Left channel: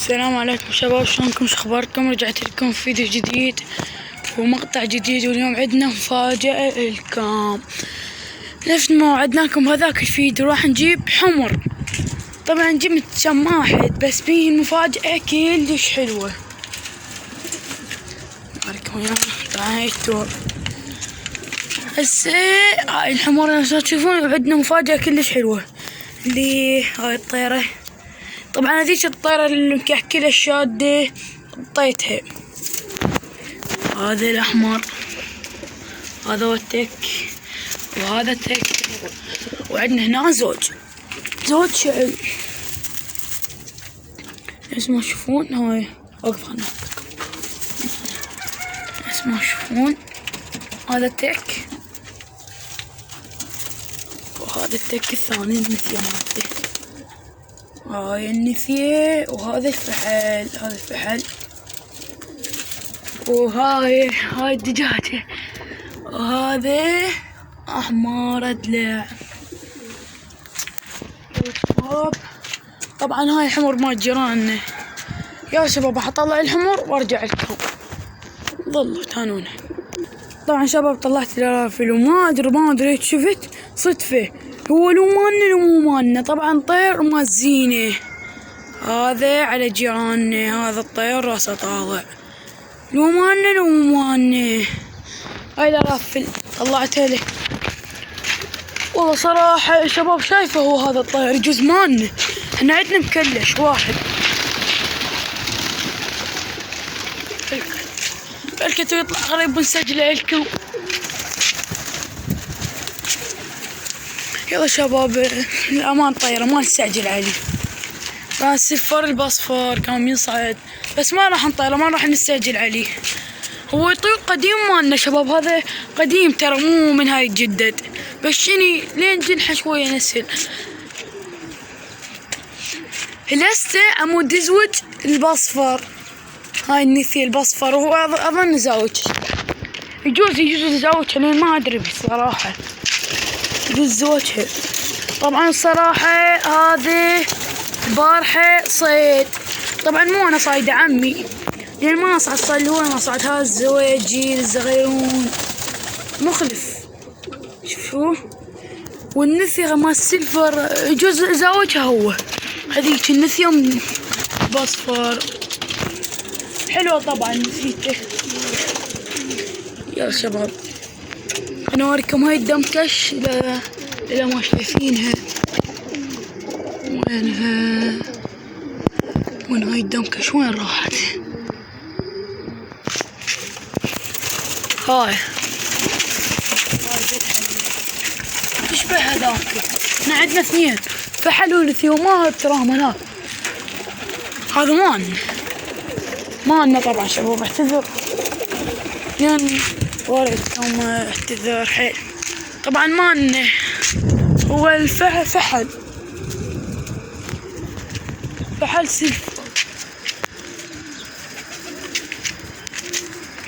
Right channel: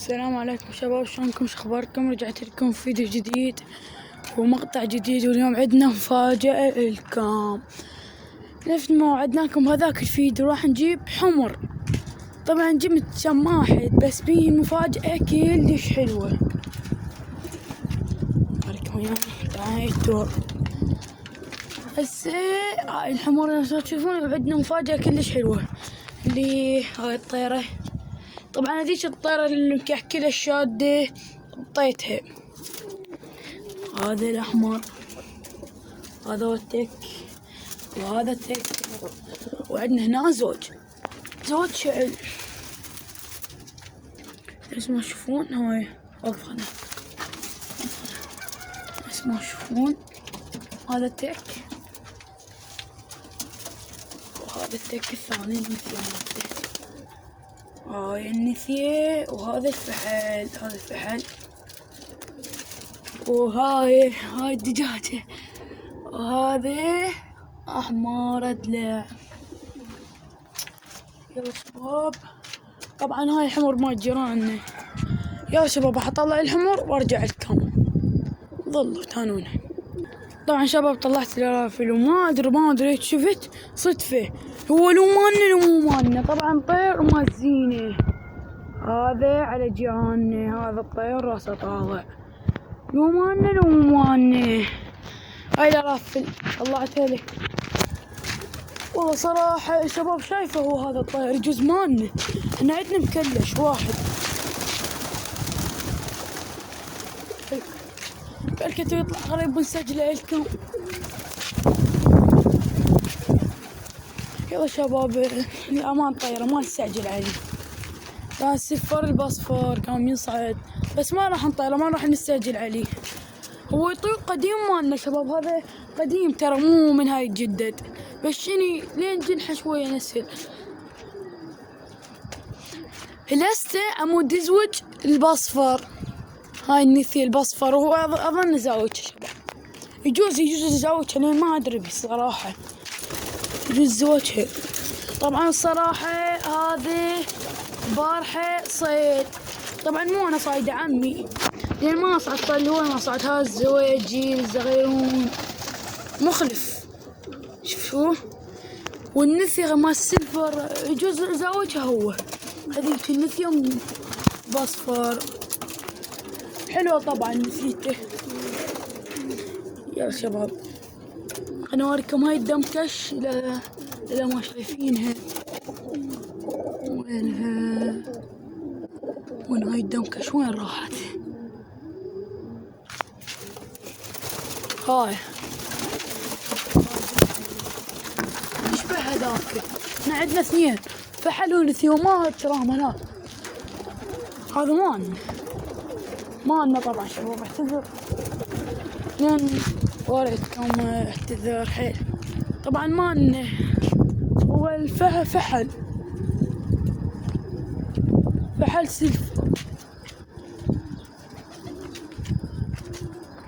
السلام عليكم شباب، شلونكم؟ شو اخباركم؟ رجعت لكم فيديو جديد ومقطع جديد، واليوم عندنا مفاجأة لكم. نفس ما وعدناكم هذاك الفيديو راح نجيب حمر. طبعا جبت كم واحد بس فيه مفاجأة كلش حلوة. هسه هاي الحمر اللي تشوفون عندنا مفاجأة كلش حلوة، اللي هاي الطيرة. طبعا هذيك الطيرة اللي مكحكلة الشادة حطيتها. هذا الأحمر، هذا هو التك، وهذا التك، وعندنا هنا زوج شعل. نفس ما تشوفون هاي وقف خلنا نفس ما تشوفون هذا التك، وهذا التك الثاني النثية مالته. هاي النثية، وهذا الفحل، هذا الفحل، وهاي الدجاجة، وهذا أحمر ضلع. شباب طبعا هاي الحمر مال جيراننا. يا شباب راح اطلع الحمر وارجع لكم، ظلوا تهانونا. طبعا شباب طلعت الارافل، وما ادري شفت صدفة هو لو مالنا لو مو مالنا. طبعا طير مال زينة، هذا على جيراننا، هذا الطير راسه طالع، لو مالنا لو مو مالنا. هاي الارافل طلعتها له. والله صراحة يا شباب شايفه هو هذا الطير يجوز مالنا، احنا عندنا مكلش واحد. بلكتو يطلع قريب ونسجله لكم. يلا شباب الأمان طيرة ما نستعجل عليه. الصفر البصفر كان ينصعد، بس ما راح نطيره، ما راح نستعجل عليه. هو يطير قديم مالنا شباب، هذا قديم ترى مو من هاي الجدد، بس شني لين جنحه شوية نسل. هلسه عمود ازوج البصفر، هاي النثي البصفر، وهو اظن زاوج، يجوز يزوجها لين ما ادري بصراحة، يجوز زوجها. طبعا الصراحة هذه البارحة صيد، طبعا مو انا صايدة عمي، لان ما اصعد صيد هو ما صعد. هذا الزواجي الصغيرون مخلف، شوفوه. والنثية مال السلفر يجوز زوجها هو، هذيك النثية بصفر حلوة طبعا نسيته. يا شباب انا اوريكم هاي الدمكش اذا ما شايفينها. وينها؟ وين هاي الدمكش؟ وين راحت؟ هاي تشبه هذاك. احنا عندنا اثنين، فحل ونثي، وما تراهم هناك. هذا مالنا طبعا شباب، اعتذر يعني وريتكم اعتذر حيل. طبعا مالنا هو الفحل سلف.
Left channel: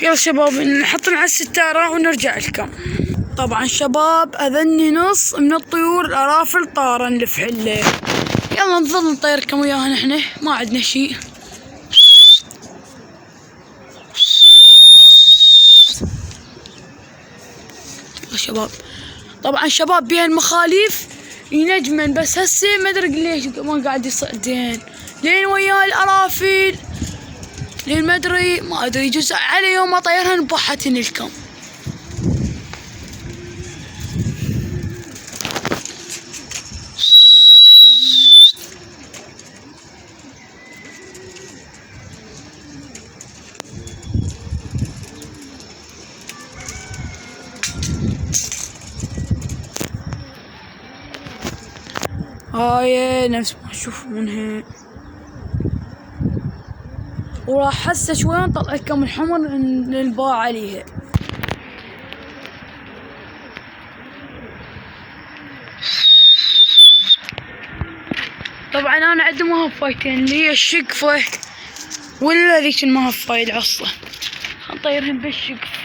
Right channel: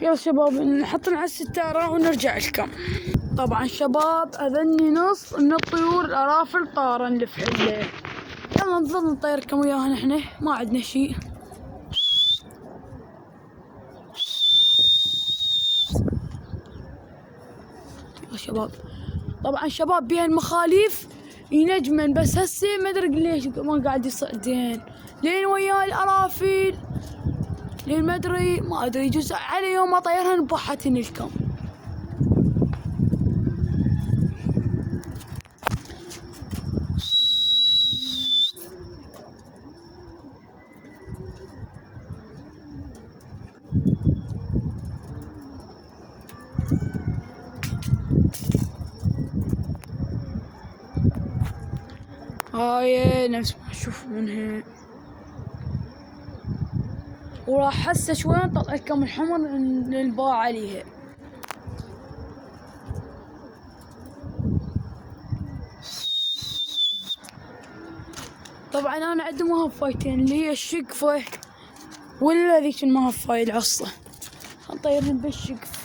يلا شباب نحط على الستارة ونرجع لكم. طبعا شباب اذني نص من الطيور الارافل طارا لفحله. يلا نظل نطيركم وياها، نحن ما عندنا شيء. شباب طبعا شباب بها المخاليف ينجمن، بس هسه ما ادري ليش ما قاعد يصعد زين، لين ويا الارافل، لين ما ادري يجوز على يوم اطيرها نبحتن لكم. هاي نفس ما تشوفونها، وراح هسه شوي نطلع لكم الحمر نلباع عليها. طبعا انا عندي مهفايتين، اللي هي الشقفة ولا ذيك المهفاي العصة، نطيرهم بالشقف.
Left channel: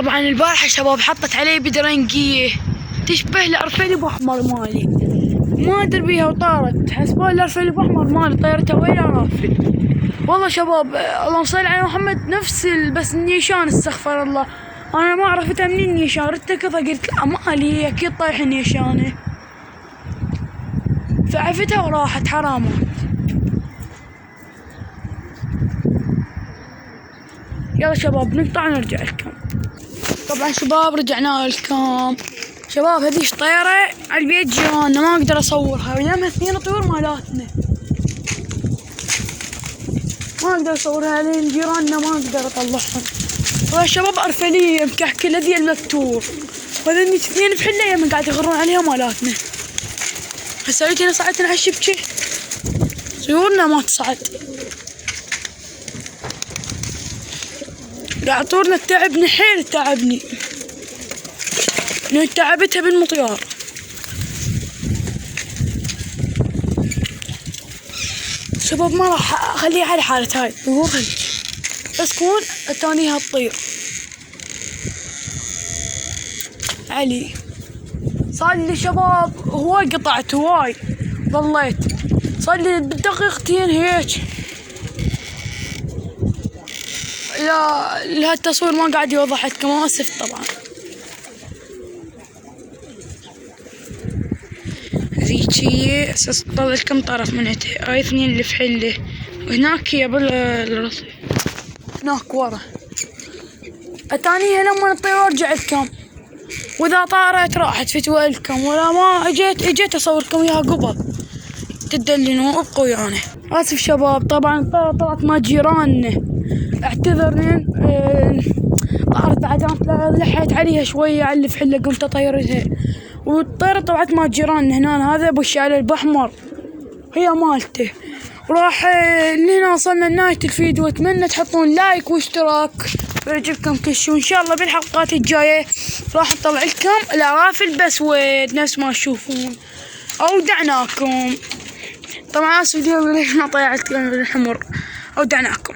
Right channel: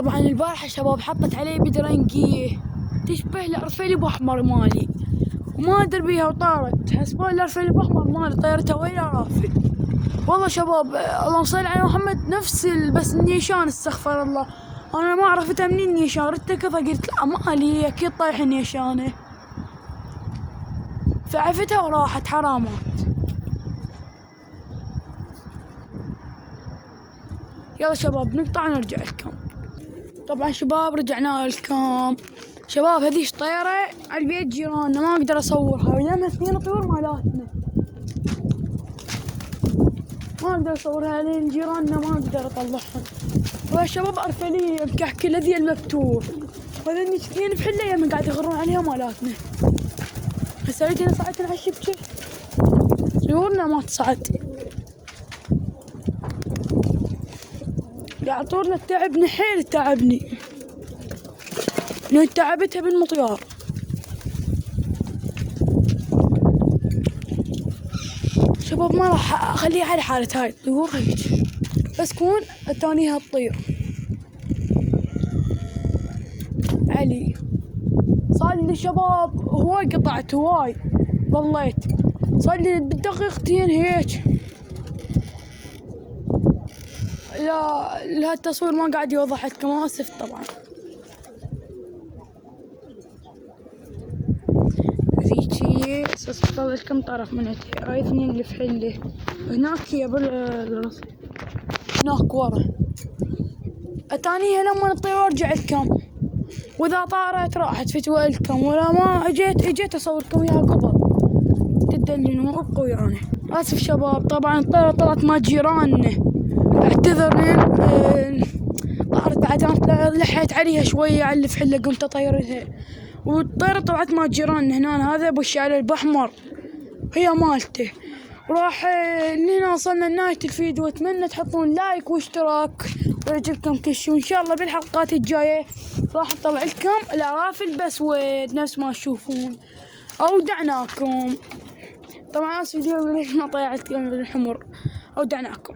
طبعا البارحة شباب حطت عليه بدرنقية تشبه الأرفل بأحمر مالي، ما أدري بيها وطارت، حسبوا الأرفل بأحمر مالي طيرته ويلا رافل. والله شباب اللهم صل على محمد نفس بس النيشان استغفر الله، أنا ما عرفتها منين النيشان، ردت كذا قلت لا مالي أكيد طايح النيشانة، فعفتها وراحت حرامات. يلا شباب نقطع ونرجع لكم. طبعا شباب رجعنا لكم. شباب هذيش طيرة على البيت جيراننا ما اقدر اصورها لانها اثنين طيور مالاتنا، ما اقدر اصورها لان جيراننا ما اقدر اطلعهم. طبعا شباب ارفلية مكحكلة ذي المكتور، وهذني اثنين بحلة يمن قاعد يغرون عليها مالاتنا. هسه انا صعدت على الشبكة طيورنا ما تصعد، قاعد طورنا تعبني حيل تعبني، تعبتها بالمطيار. شباب ما راح اخليها على حالة هاي طيورها بس كون اتانيها تطير. علي صار لي شباب هواي قطعت هواي ظليت صار لي بدقيقتين هيك. لا التصوير ما قاعد يوضح لكم اسف طبعا. ذيك هي اساس اطلع لكم طرف من عندها، هاي اثنين اللي في حله وهناك هي بالرصيف هناك ورا. اتانيها لما الطيور ارجع لكم، واذا طارت راحت فتوى لكم، ولا ما اجيت اصور لكم اياها قبل تدللوا ابقوا ويانا. اسف شباب طبعا الطيرة طلعت مع جيراننا، اعتذر طارت عجلت لحيت عليها شوية على اللي في حله قمت اطيرتها، والطيرة طلعت مع جيراننا هنا. هذا ابو الشعر البحمر هي مالته. وراح لهنا وصلنا لنهاية الفيديو، اتمنى تحطون لايك واشتراك ويعجبكم كل شيء، وان شاء الله بالحلقات الجاية راح نطلع لكم العرافل باسود نفس ما تشوفون. اودعناكم طبعا اسف اليوم ما طلعت الحمر، اودعناكم.